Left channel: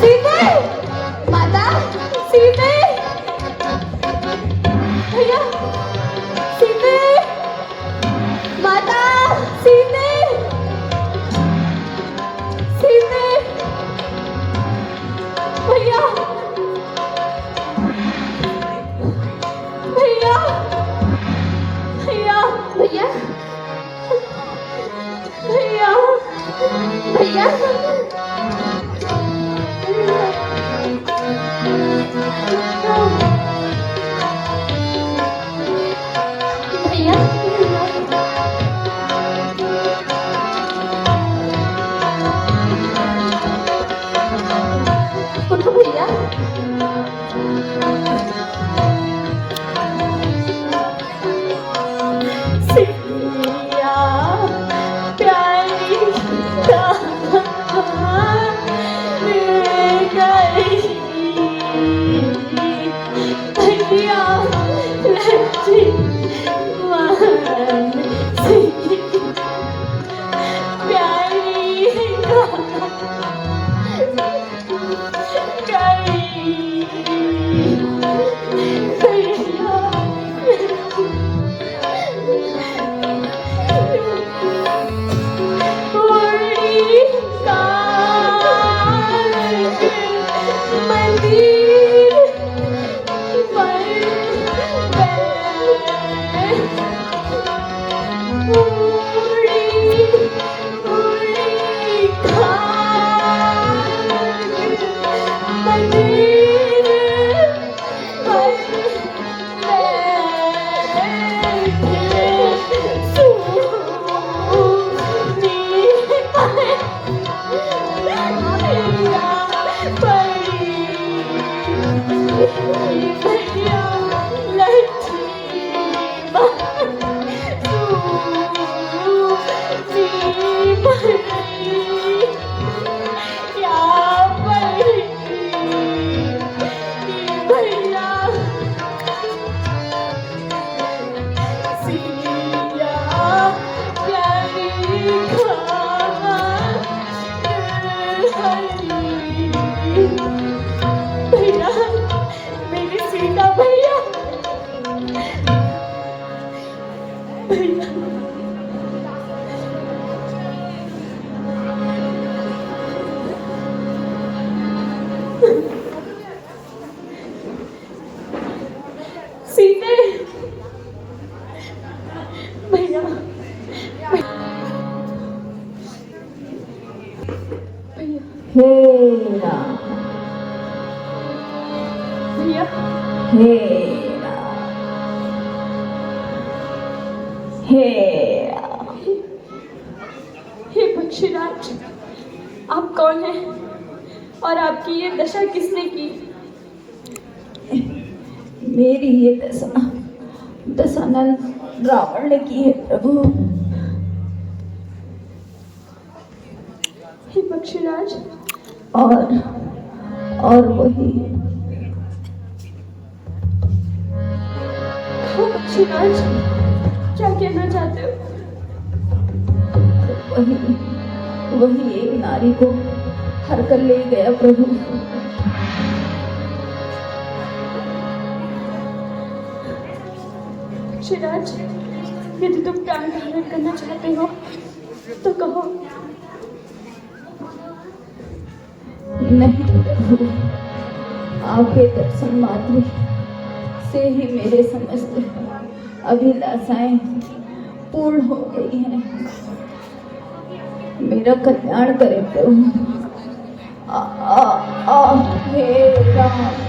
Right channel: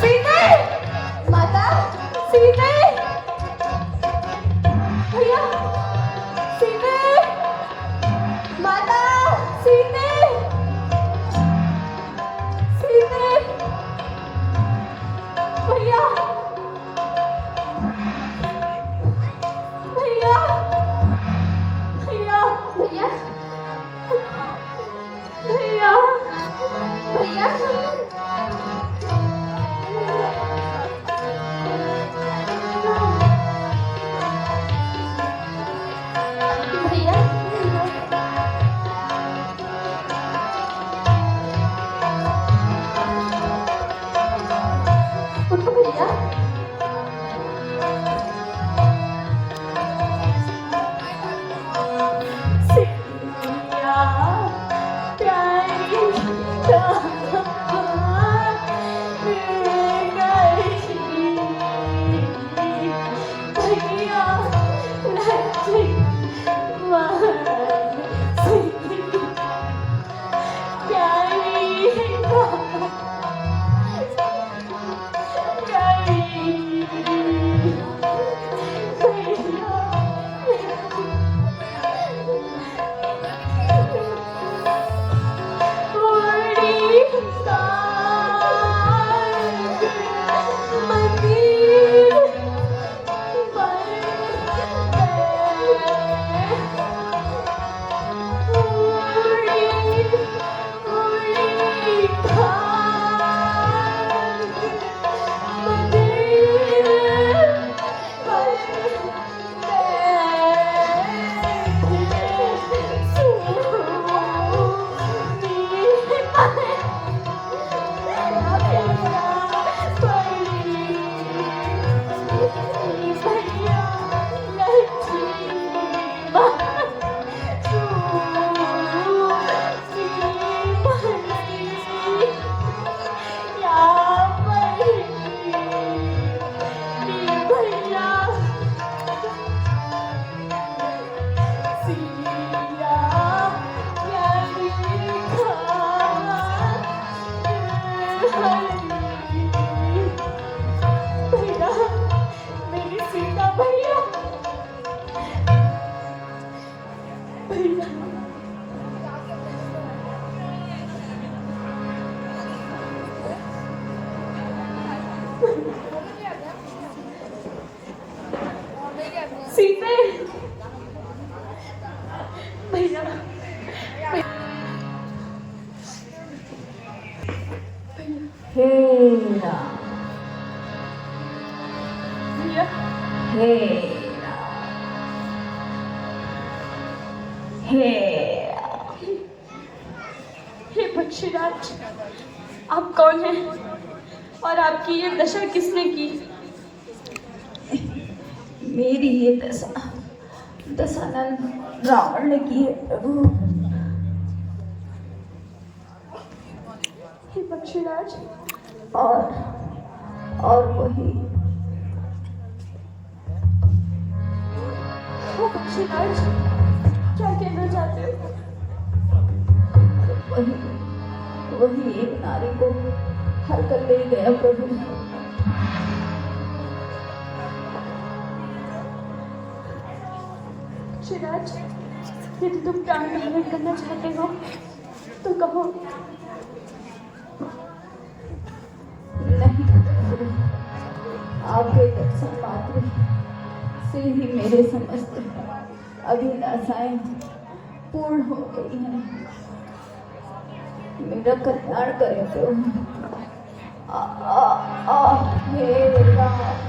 सीते, माता, सीते, भैया, सीते, माता, सीते, सीते, भैया, भैया, भैया, भैया, भैया, भैया, उठो भैया। सिया प्यारी कहाँ गई? भैया लक्ष्मी मान सी प्यारी कहाँ गई? भैया उड़ीसा मंदिर पर सीते भैया हे राम, भैया हे राम, हे राम। हे पक्षीराज, आप कौन हैं और आपकी ये दशा किसने की? मेरी ये दशानंद रावण ने की है प्रभु। हे पक्षीराज, और वही हाँ पक्षीराज, क्या कहना चाहते हो? वही एक नारी को हर कर ले गया प्रभु। पक्षीराज, यदि तुम प्राण धारण करना चाहते हो तो कहो। नहीं प्रभु, आपके दर्शन मात्र से ही मेरे समस्त अभिलाषाएं पूर्ण हो गई हैं। मेरा कल्याण करें प्रभु। आ, आ, आ, हे राम।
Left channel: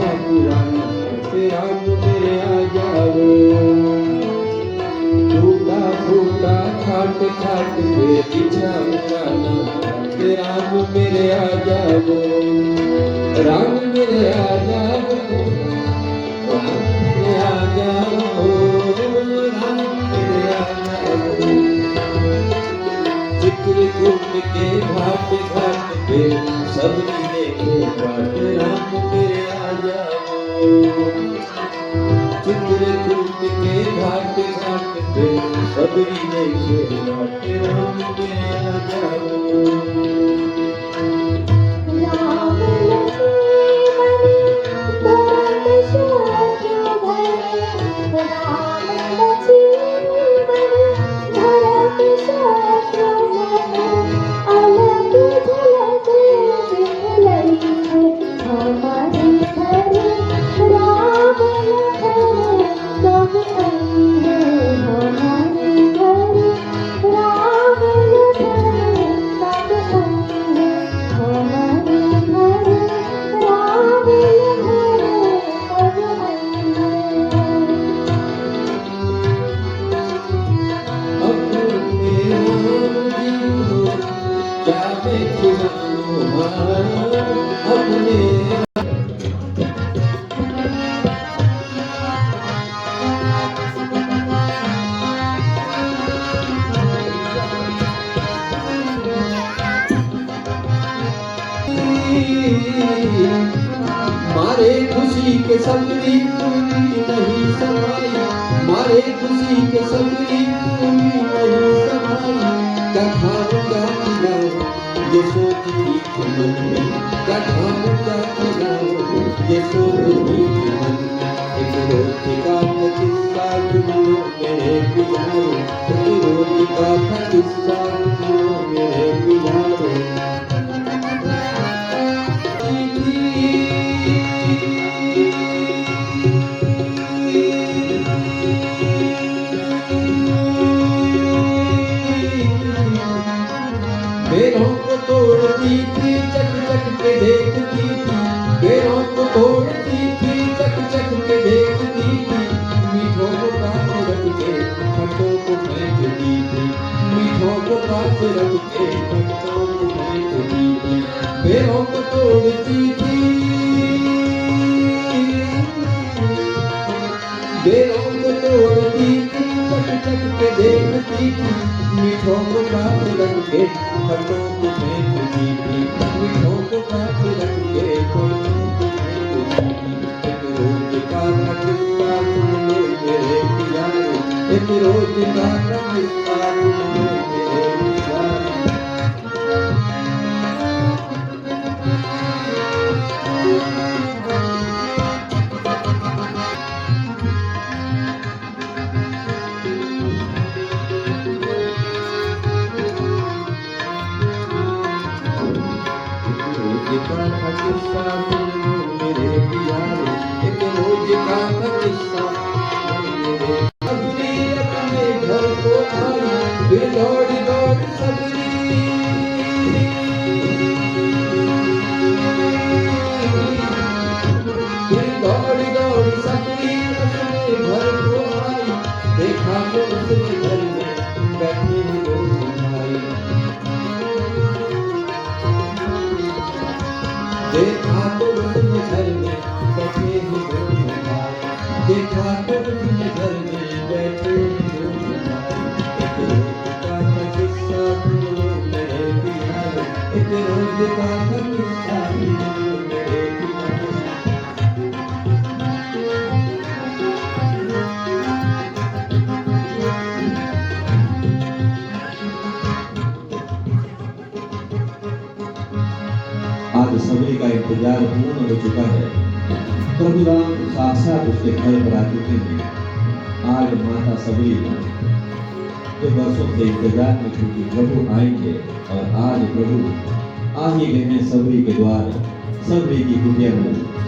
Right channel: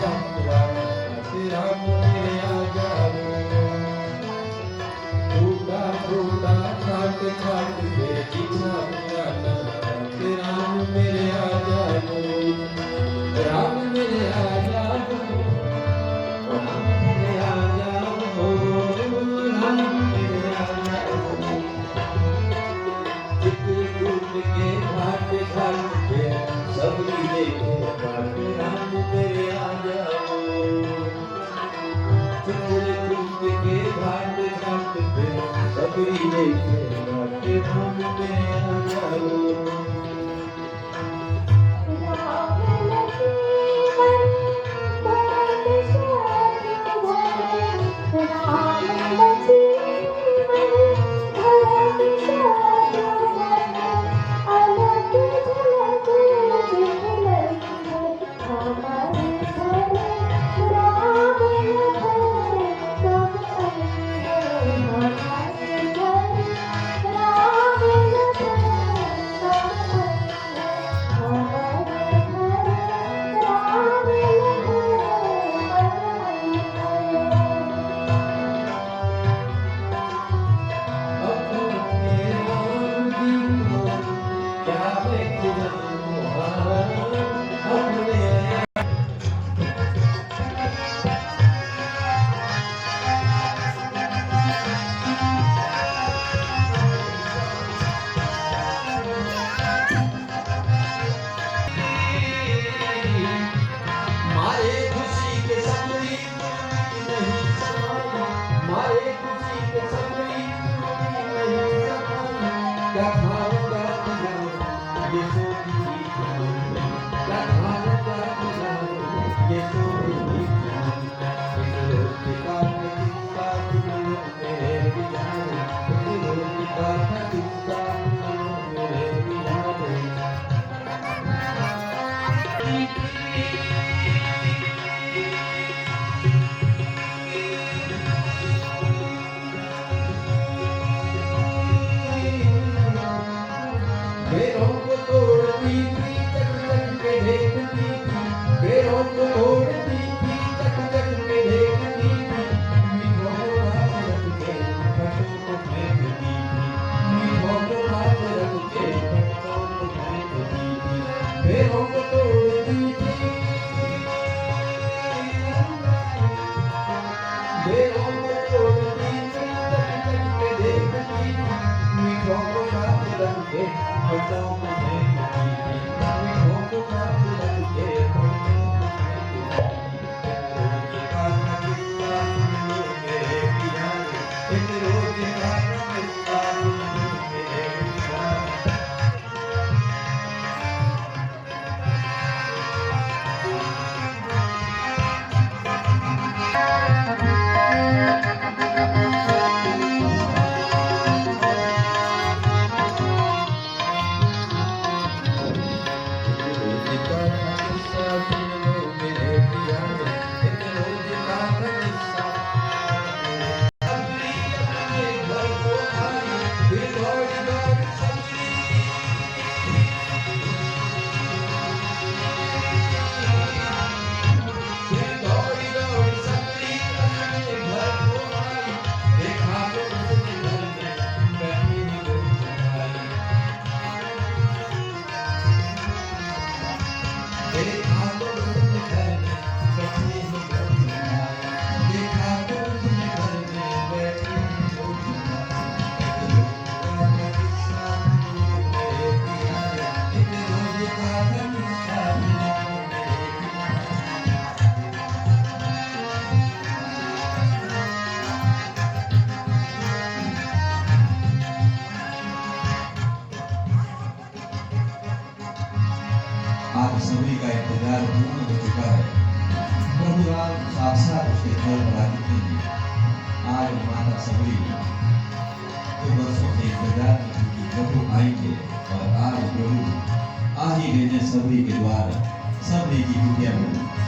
इच्छा पुराना राम मेरे आ जाओ टूटा फूटा खाट खाट पे इच्छा पुराना राम मेरे आ जाओ राम मेरे आ जाओ राम मेरे आ जाओ राम मेरे आ जाओ चित्रकूट के घाट घाट पे सब मिले घाट राम मेरे आ जाओ चित्रकूट के घाट घाट पे सब मिले घाट राम मेरे आ जाओ मारे खुशी के सपनी नहीं समाई मारे खुशी के सपनी नहीं समाई क्या खाऊं क्या खिलाऊं ये सोचती थी मन में क्या खाऊं क्या खिलाऊं ये सोचती थी मन में एक रोटी का था किस्सा सुनो मेरे बिहार एक रोटी का था किस्सा सुनो मेरे बिहार बेरों को तोड़ती थी चक चक के देखती थी बेरों को तोड़ती थी चक चक के देखती थी मीठों को पास रख के खटों को फेंकती थी मीठों को पास रख के खटों को फेंकती थी बेरों को तोड़ती थी बेरों को तोड़ती थी चक चक के देखती थी मीठों को पास रख के खटों को फेंकती थी मीठों को पास रख के खटों को फेंकती थी एक रोज का था किस्सा सुन लो मेरे प्यारे एक रोज का था किस्सा सुन लो मेरे प्यारे रोज का था किस्सा सुन लो मेरे बिहारी एक रोज का था किस्सा मेरे सबरी अपने घर को आई वे दौड़ दौड़ सबरी वे दौड़ दौड़ सबरी अपने घर को आई देखा तो उसने घर में बैठे हुए लोग आई देखा तो उसने घर में बैठे हुए लोग आए देखा तो उसने घर में बैठे हुए लोग आए एक रोज का था किस्सा सुन लो मेरे बिहार एक रोज का था किस्सा सुन लो मेरे बिहार आज सबरी का इंतजार पूर्ण हो चुका है प्रभु राम साक्षात उसके घर पर आ चुके हैं आज माता सबरी जो वर्षों से इंतजार में थी कि प्रभु आएंगे और आज प्रभु आ ही गए हैं सबरी के द्वार सबरी की कुटिया में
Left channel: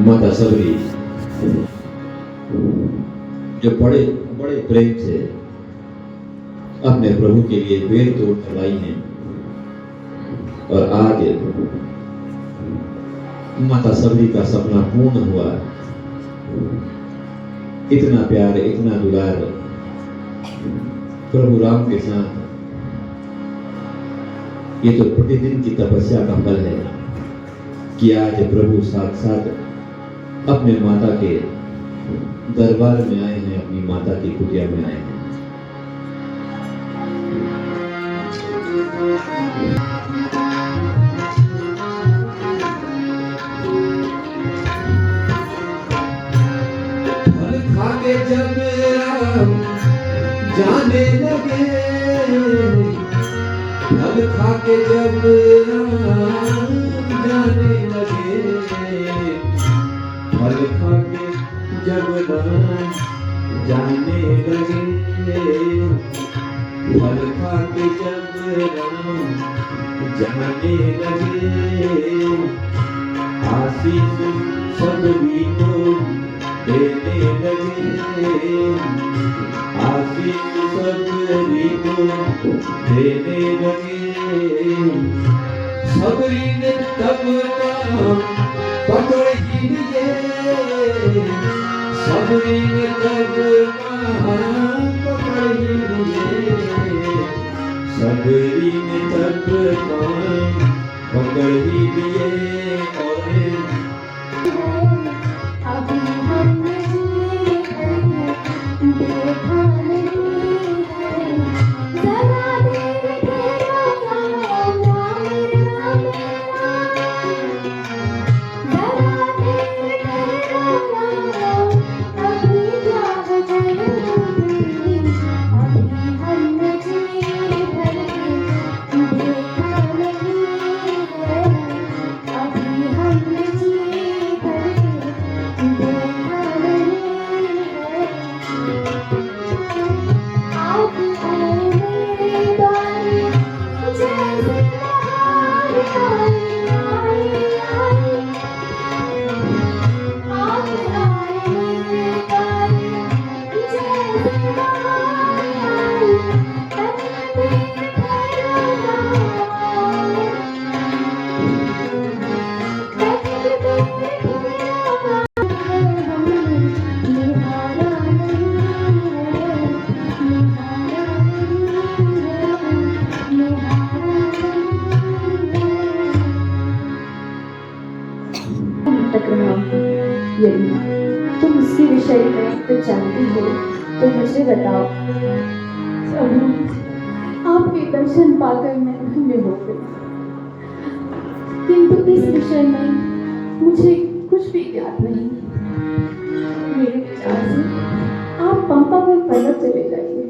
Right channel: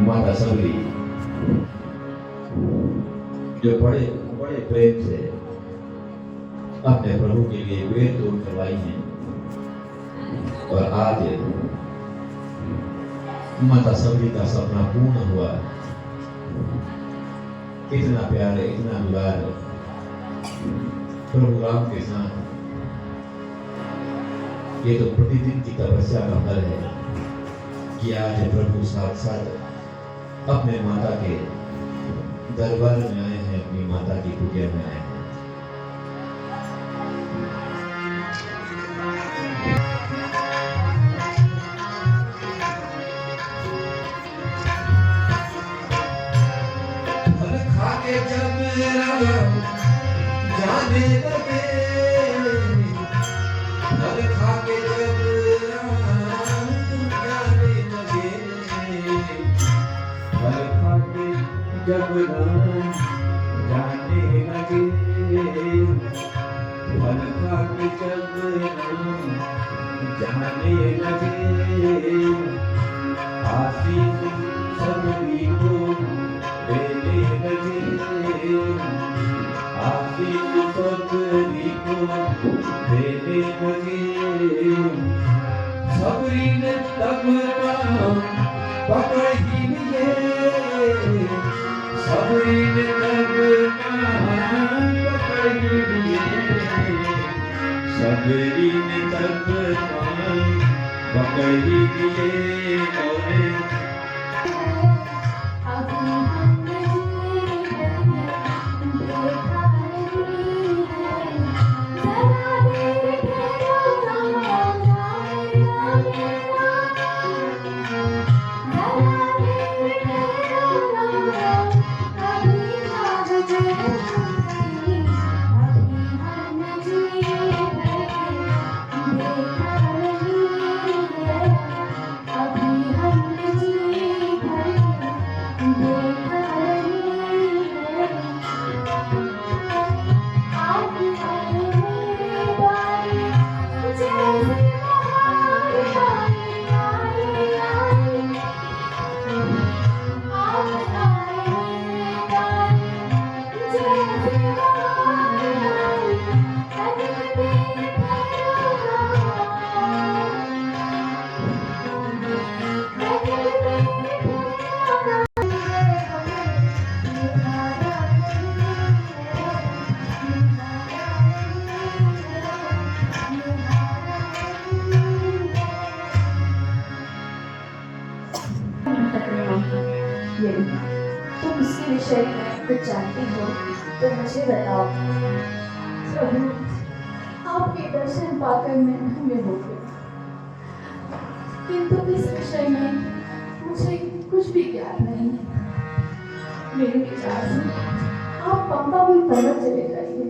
माता सबरी जो बड़े बड़े प्रेम से अपने प्रभु के लिए वेद तोड़ कर आई हैं और आज माता सबरी का सपना पूर्ण हुआ। इतना प्यार, इतना दुलार प्रभु राम के साथ, ये तो प्रतिदिन की तपस्या का फल है कि आज प्रभु साथ अपने माता के दरबार में आए हैं, अपनी माता की कुटिया में आए हैं। फल खाके जब राम जाने लगे, फल खाके जब राम जाने लगे, फल खाके जब राम जाने लगे, फल खाके जब राम जाने लगे, आशीष सबरी को देने लगे, आशीष सबरी को देने लगे। सबरी ने तब नाम पकड़ ही लिए, सबरी ने तब नाम पकड़ ही लिए, सबरी ने तब नाम पकड़ ही लिए। यदि तुम इसके विषय में कुछ जानती हो तो मुझे बताओ। प्रभु, आपके दर्शन पाकर मैं धन्य हो गई, किंतु इस विषय में मुझे कुछ भी ज्ञात नहीं। मेरे विचार से आप पंपा में पर्वत चले जाइए,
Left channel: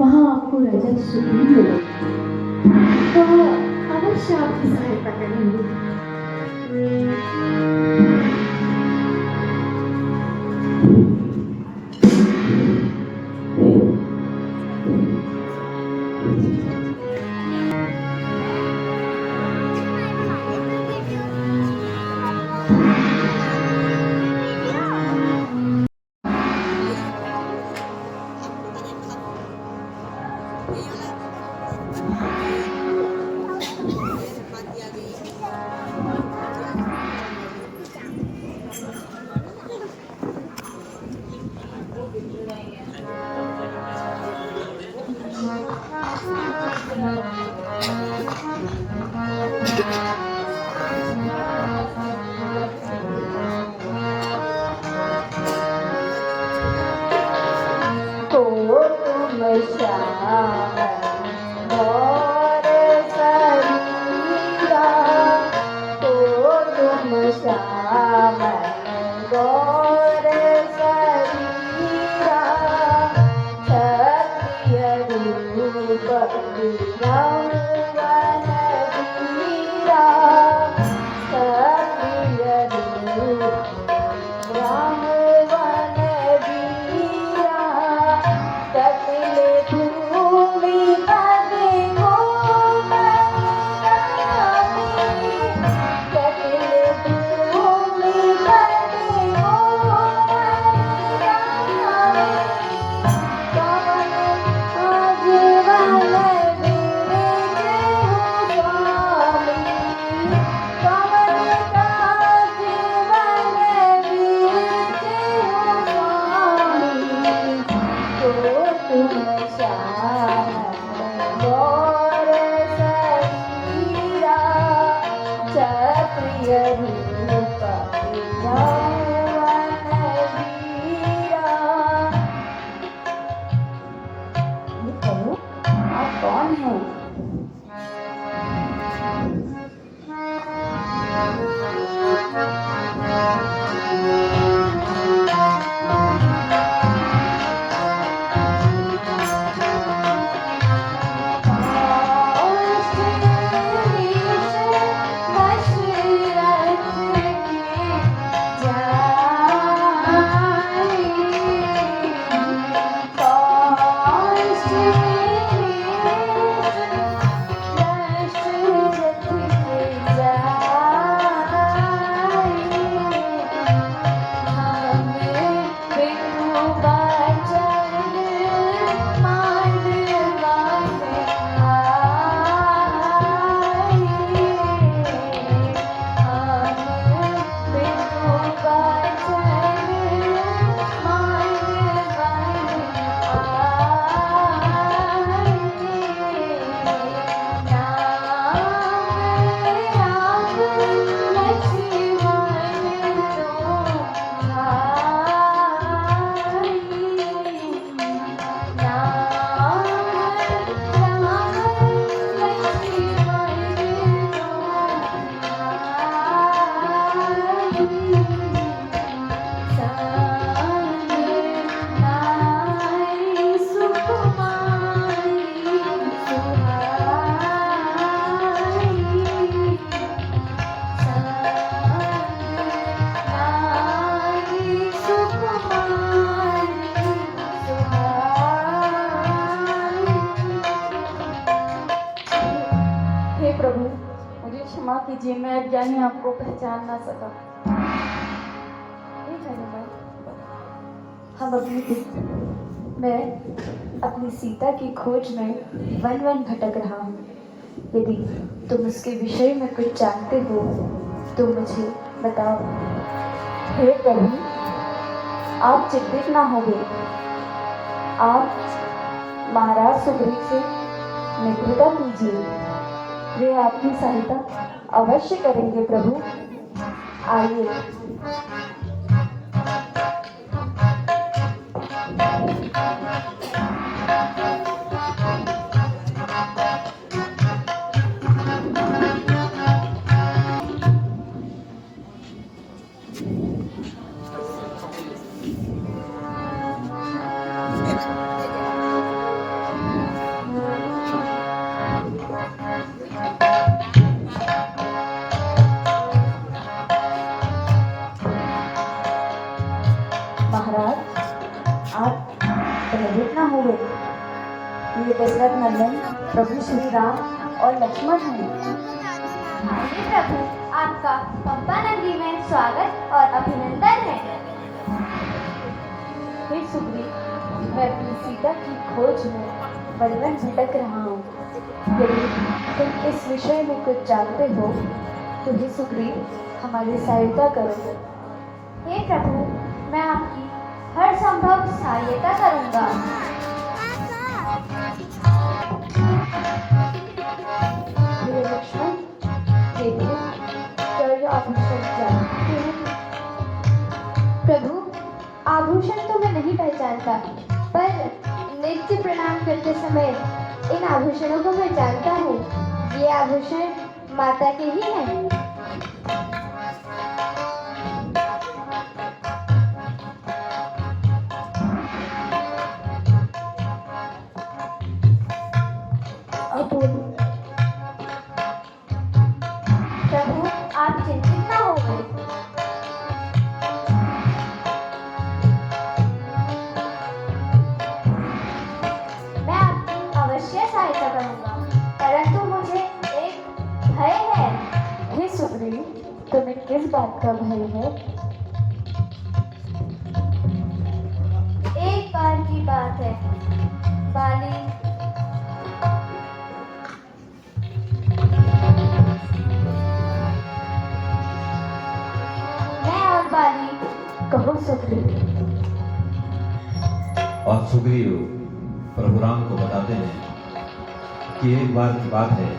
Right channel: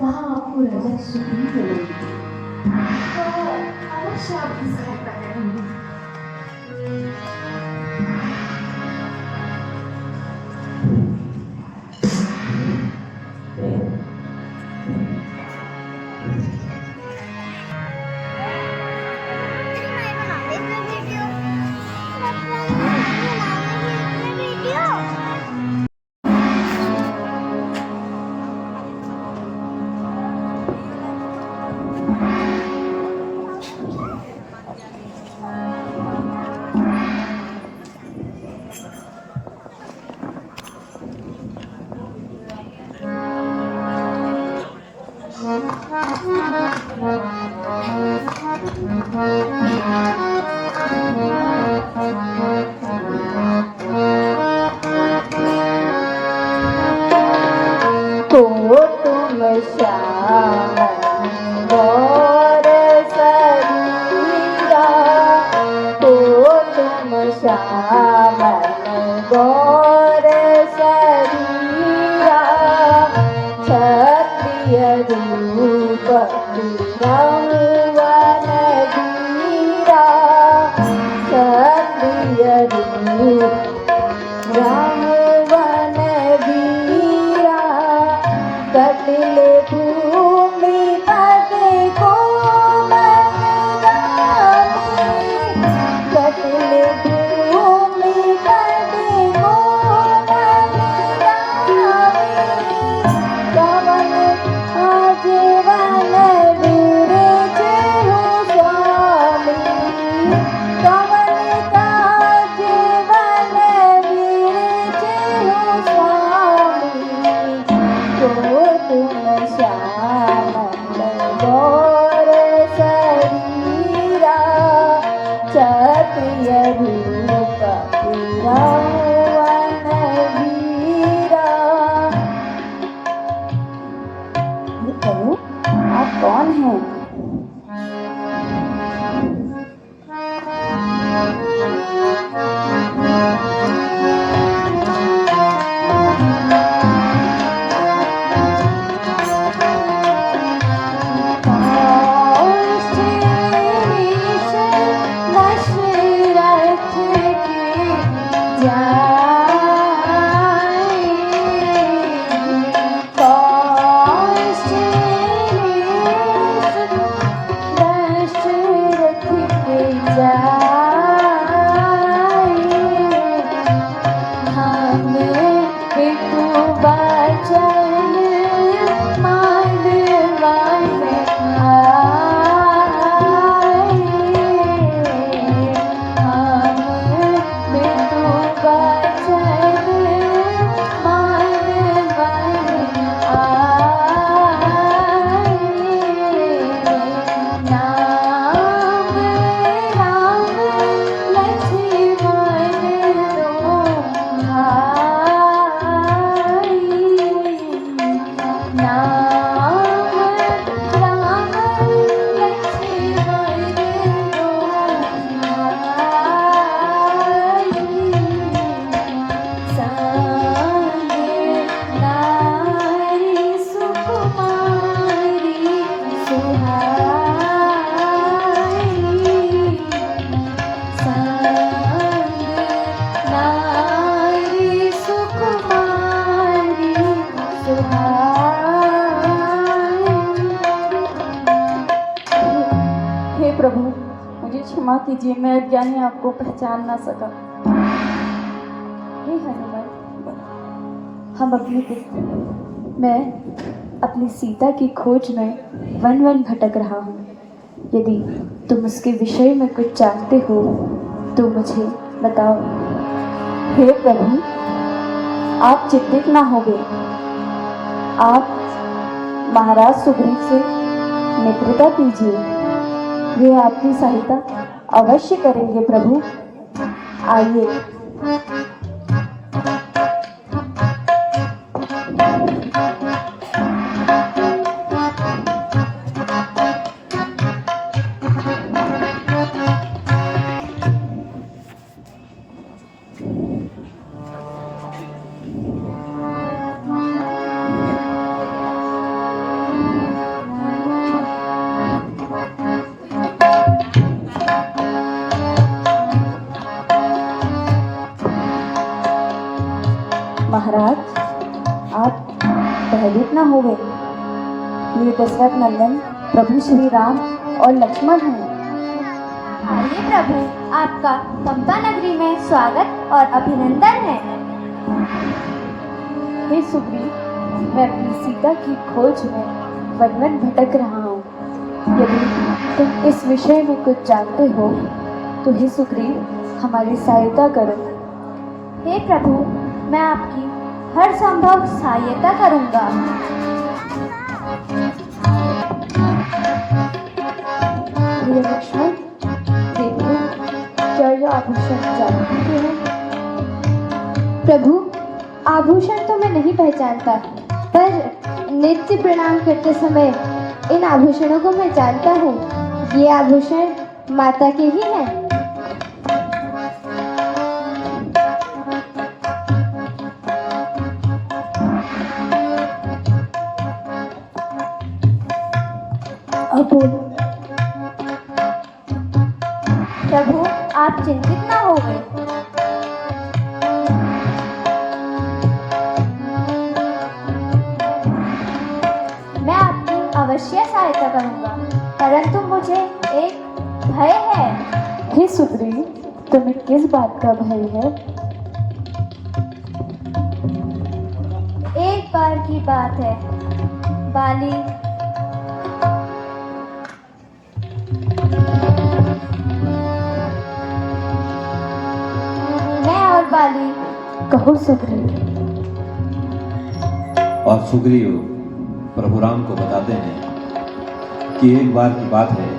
वहाँ आपको राजा सुग्रीव मिलेंगे, वह अवश्य आपकी सहायता करेंगे। रूप मुझे क्षमा कीजिए, मैं अज्ञानी आपको पहचान ना सका। हे हनुमान, हम मैं अपनी सीता की खोज में वन वन भटक रहा हूँ। यदि तुम उसके विषय में कुछ जानते हो तो मुझे बताओ। हे प्रभु, आप चिंतित ना होगे। आप महाराज सुग्रीव से मित्रता कीजिए, वे आपकी सहायता अवश्य करेंगे। प्रभु आइए। महाराज, आप भयभीत न हो गए। ये दशरथ नंदन प्रभु श्री राम और लक्ष्मण हैं। आइए प्रभु, आपका पंपा नगरी में स्वागत और अभिनंदन है। हे सुग्रीव, मैं अपनी सीता की खोज में वन वन भटक रहा हूँ। यदि तुम इस विषय में कुछ जानते हो तो हे सुग्रीव, हमारी सहायता करो। हे प्रभु, मैं आपकी हर संभव सहायता करूंगा। हे लक्ष्मण, देखो क्या यह आभूषण जानते हैं? प्रभु, आभूषण तो मैं नहीं पहचानता, पर नित्य प्रणाम करते समय इन आभूषणों को मैं जानता हूँ। ये आभूषण माता के ही हैं। अब बोलो। प्रभु, आप चिंतित ना होगे। मैं आपकी अवश्य सहायता करूंगा, परंतु मुझे एक भय है। हे सुग्रीव, तुम्हें किस बात का भय है? एक बार की बात है, बाली मैं और बाली कहो सुग्रीव। और सुग्रीव प्रभु राम को बताते हैं कि एक बार की बात है।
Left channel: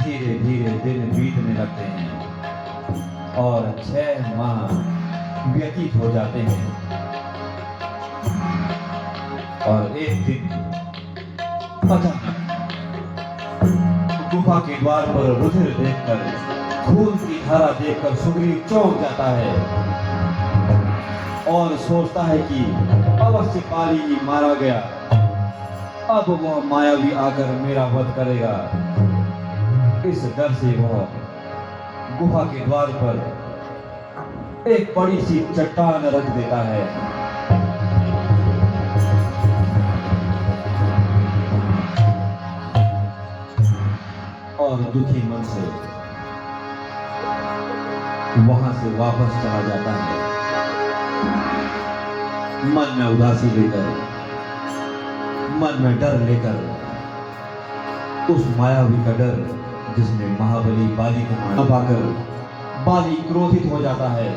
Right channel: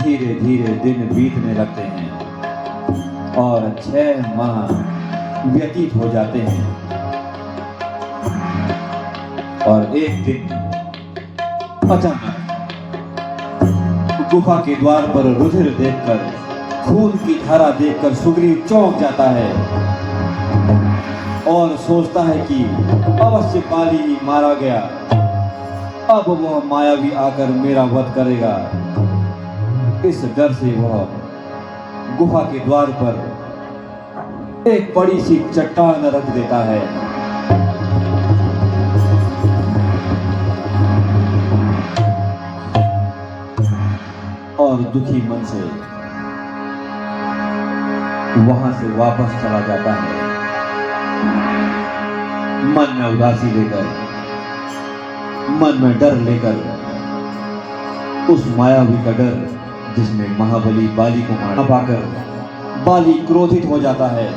धीरे धीरे दिन बीतने लगते हैं और 6 माह व्यतीत हो जाते हैं और एक दिन अचानक गुफा के द्वार पर रुधिर देखकर, खून की धारा देखकर सुग्रीव चौंक जाता है और सोचता है कि अवश्य बाली मारा गया, अब वह मायावी आकर मेरा वध करेगा। इस डर से वह गुफा के द्वार पर एक बड़ी सी चट्टान रख देता है और दुखी मन से वहां से वापस चला जाता है, मन में उदासी लेकर, मन में डर लेकर, उस मायावी का डर जिसमें महाबली बाली को मार पाकर बाली क्रोधित हो जाता है।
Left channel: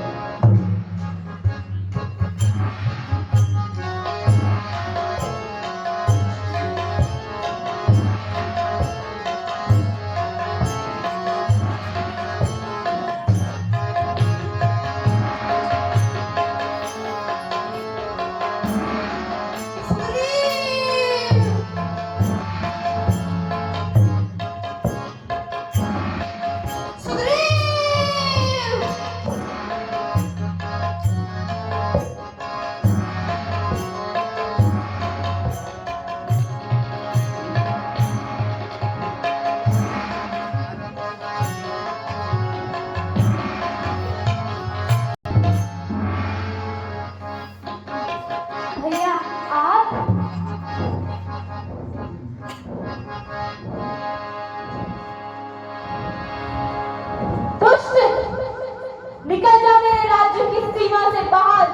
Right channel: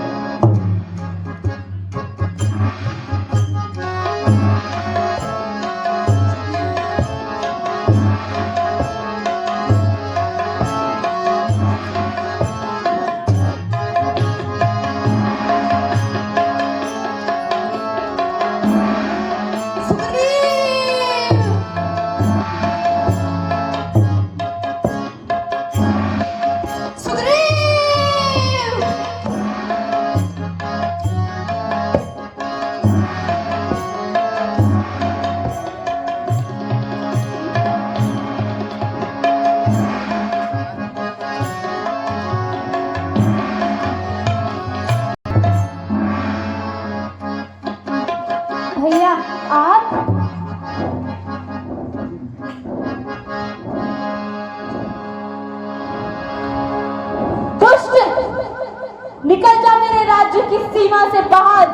निकल जा मेरे राज्य की सीमा से बाहर।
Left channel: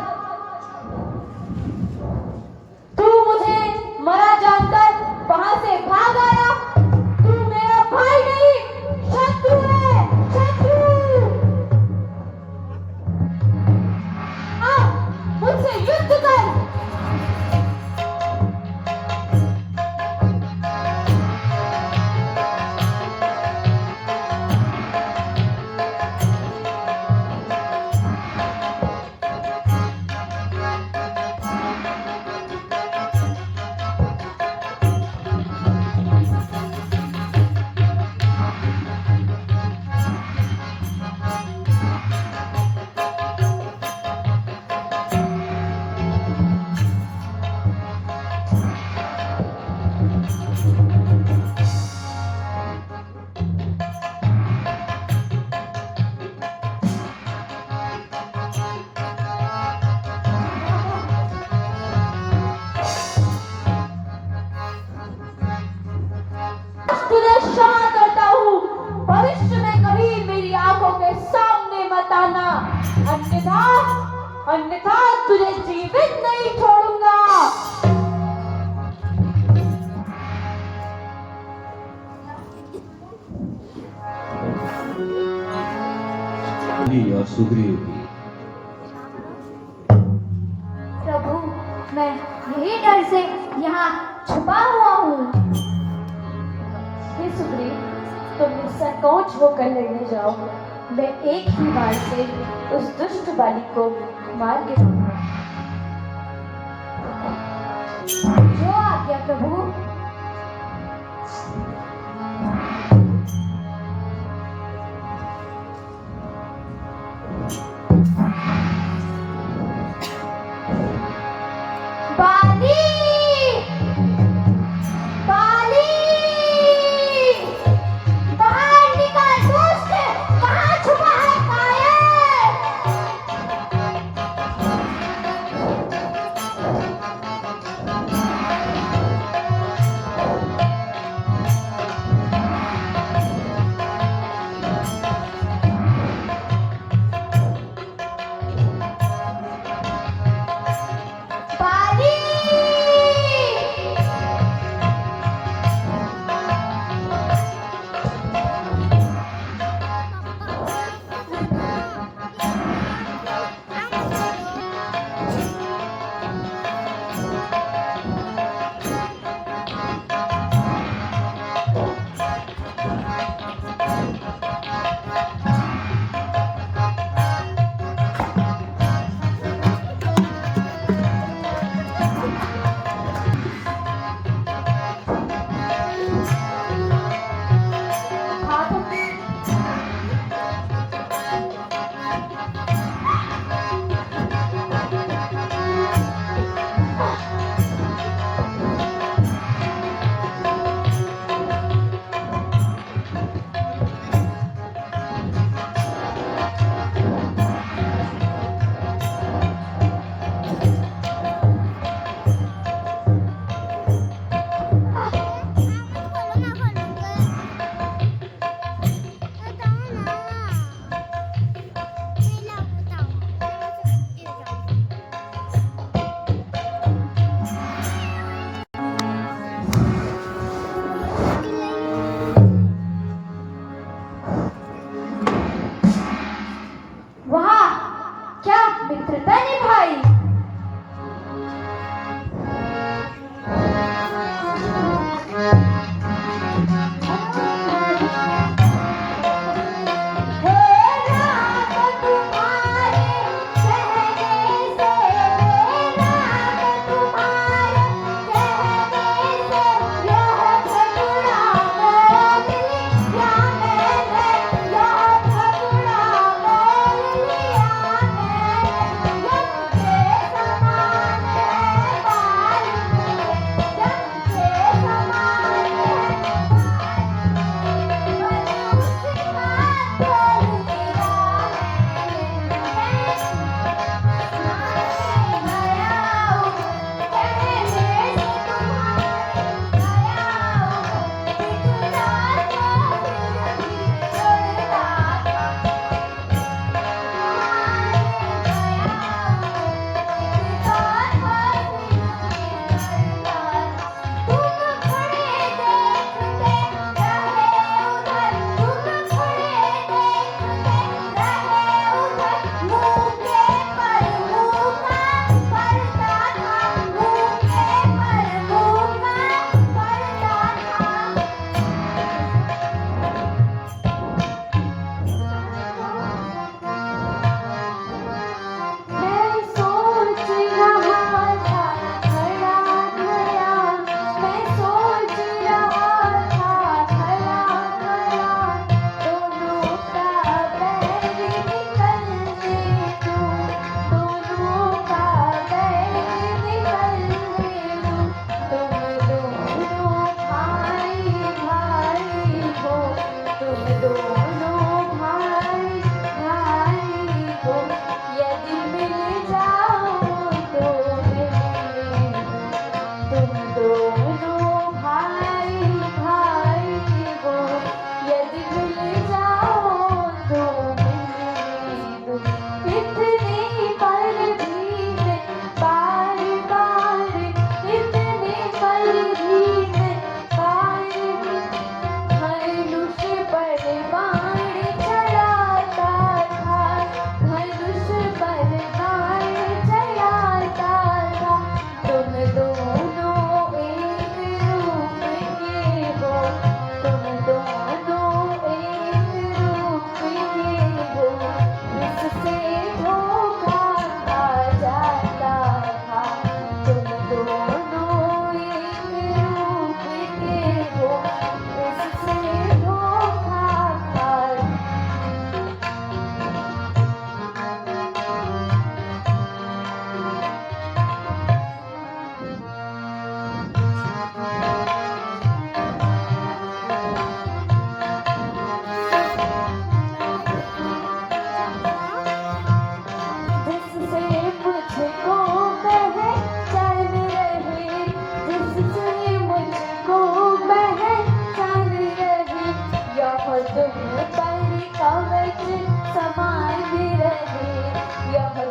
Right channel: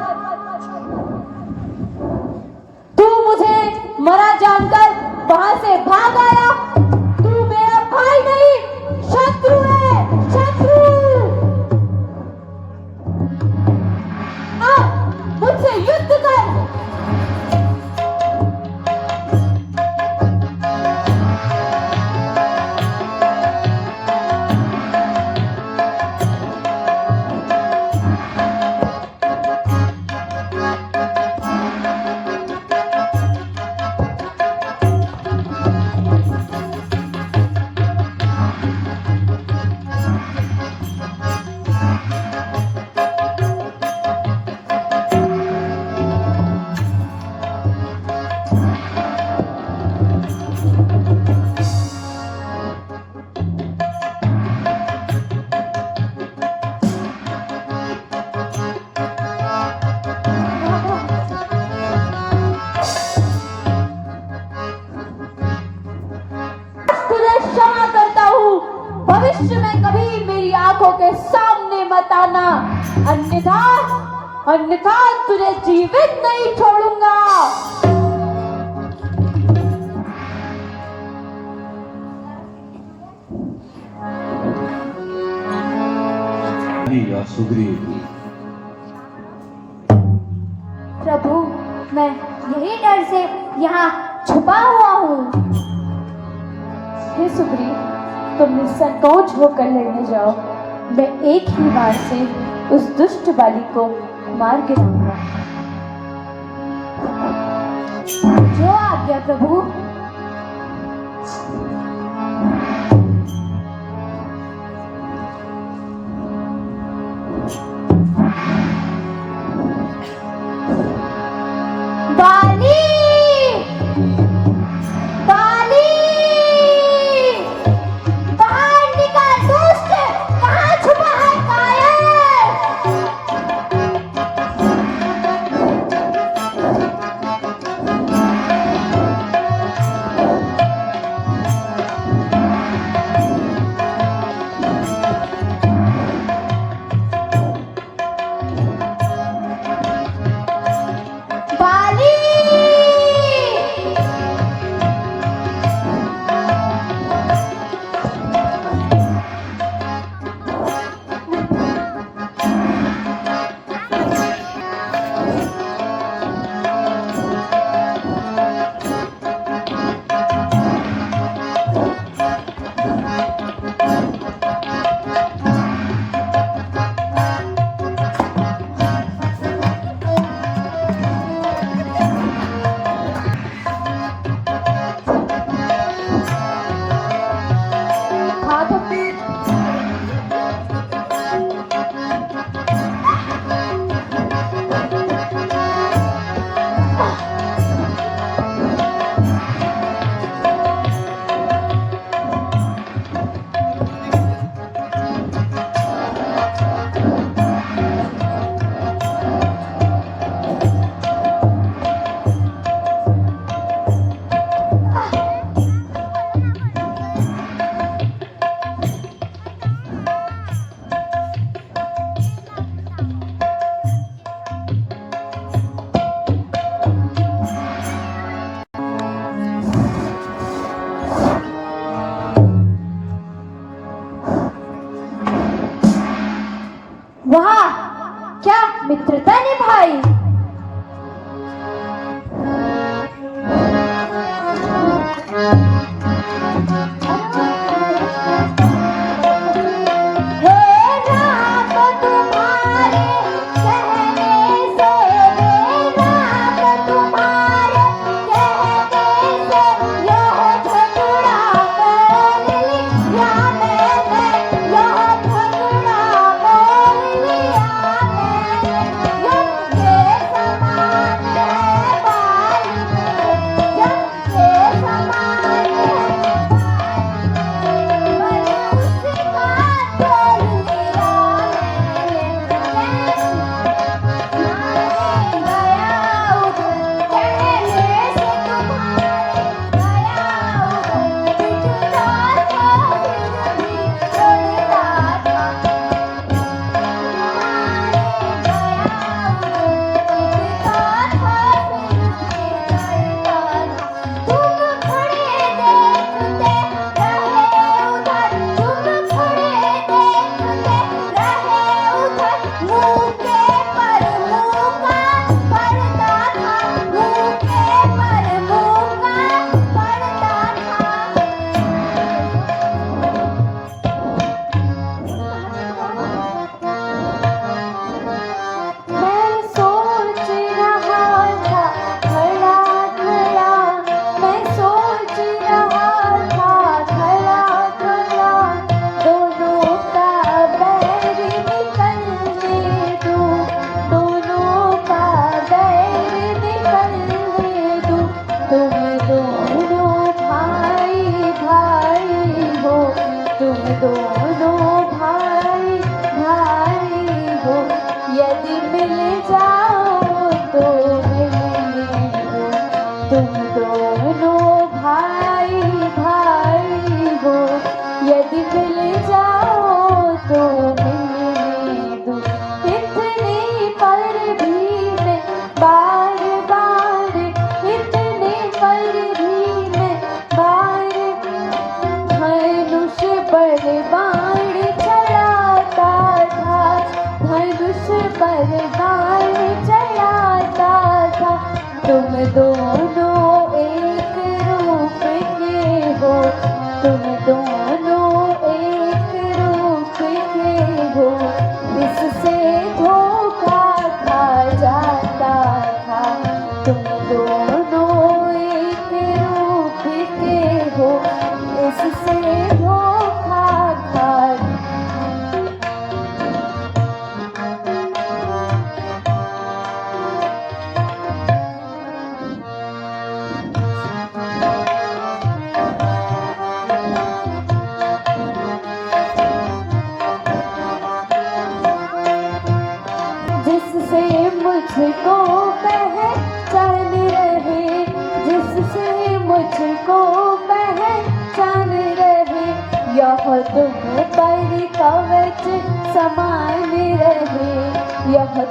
तू मुझे मरा जानकर वहां से भाग आया। तू मेरा भाई नहीं, शत्रु है, शत्रु। आ, मुझसे युद्ध कर। तुझे क्षमा करता हूँ। भविष्य में कभी मेरी आंखों के सामने मत आना, अन्यथा अन्यथा तुझे जीवित नहीं छोड़ूंगा। या सुग्रीव, प्रभु, मैं यही डर से यहाँ छुपा हुआ हूँ। हे सुग्रीव, तुम निसंकोच होकर लड़ने जाओ। मैं एक ही बार से उस दुष्ट बालिक को मार गिराऊंगा। जो आज्ञा प्रभु। बाली, बाली, बाहर निकल दुष्ट, कहाँ छुपा है कायर?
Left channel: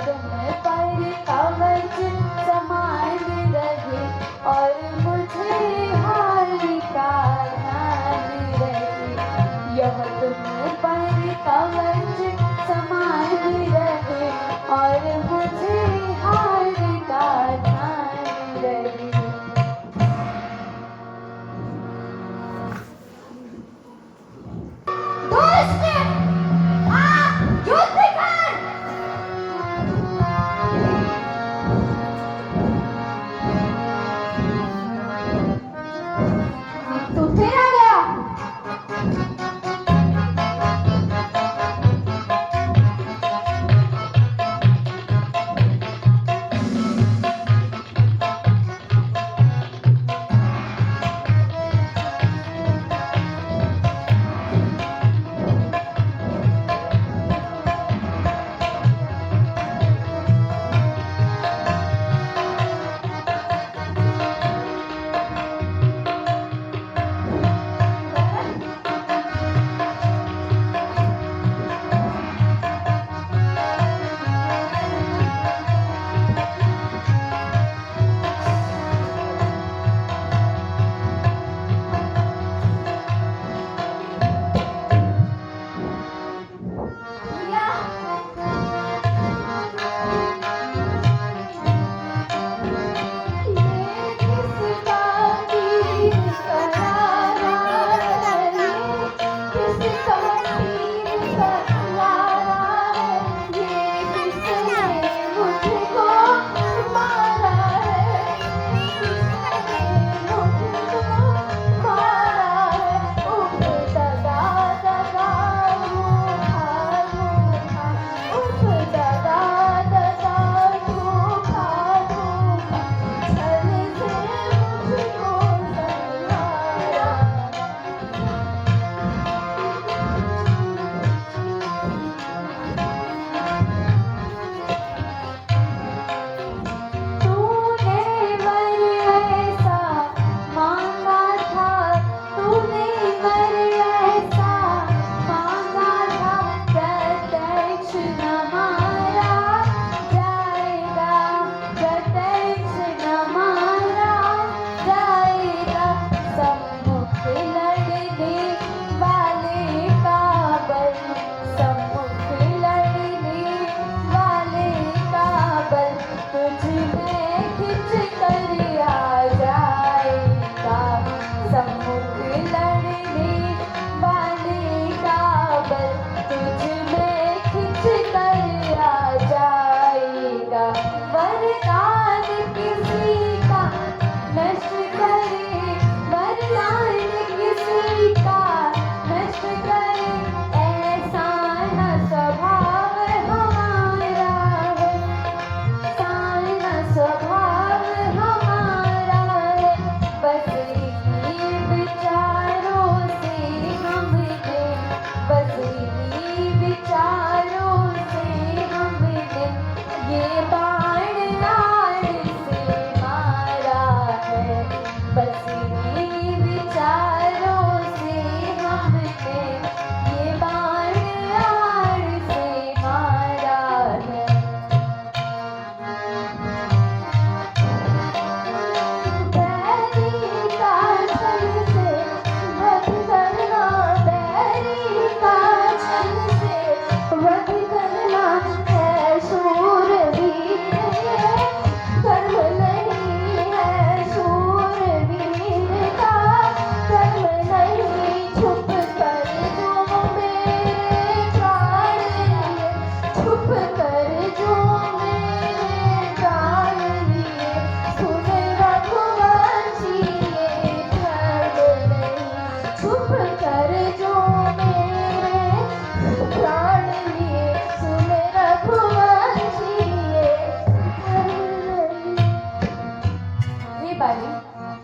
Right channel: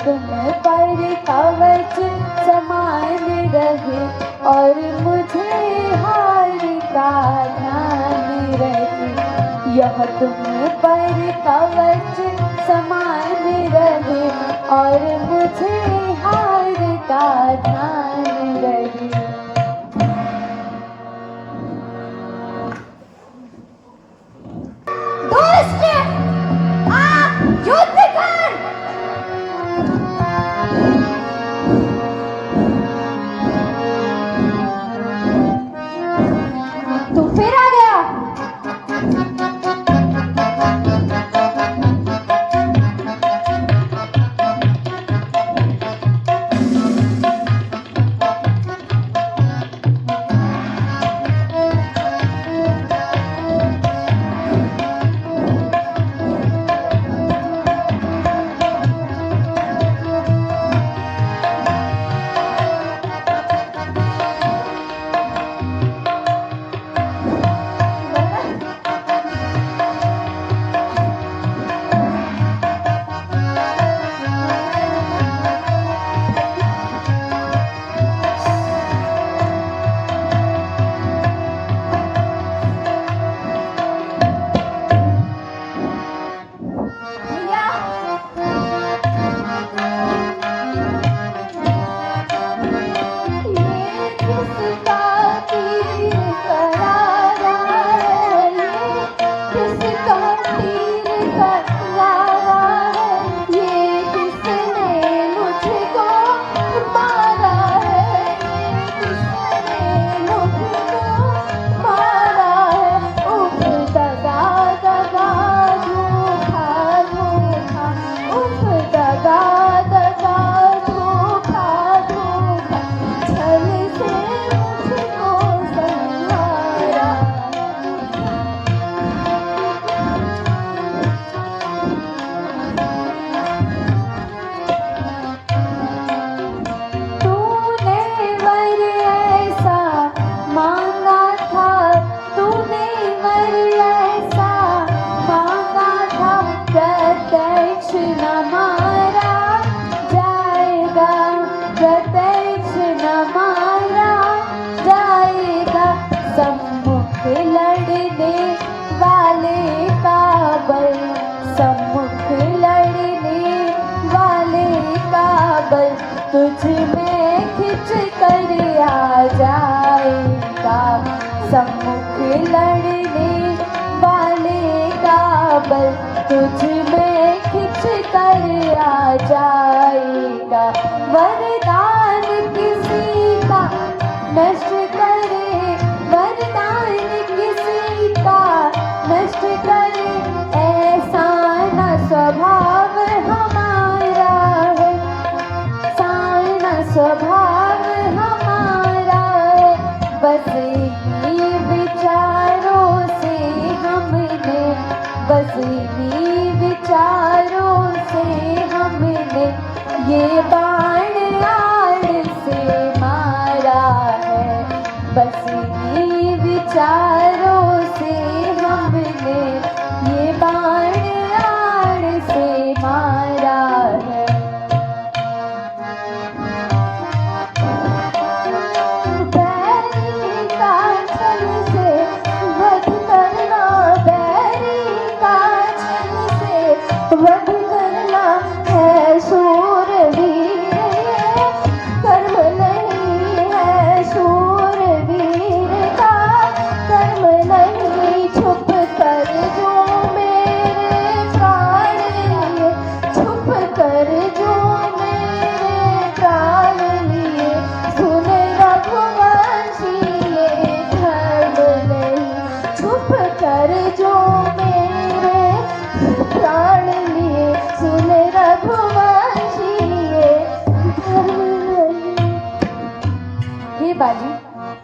तुम पर कवच समान रहे और मुझे हार का ध्यान रहे। यह तुम पर कवच समान रहे और मुझे हार का ध्यान रहे। दुष्ट, आप युद्ध कर। तू फिर आ गया।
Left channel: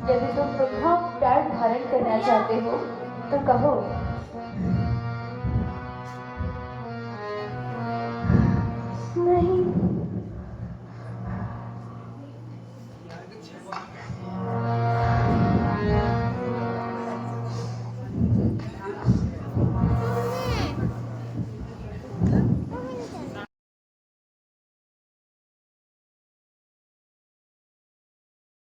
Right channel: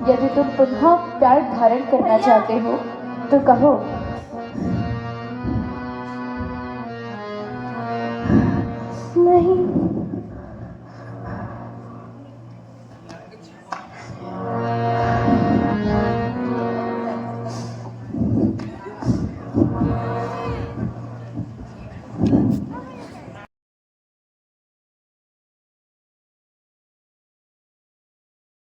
यदि तुम पुनः प्यार धारण करना चाहते हो तो कहो। नहीं।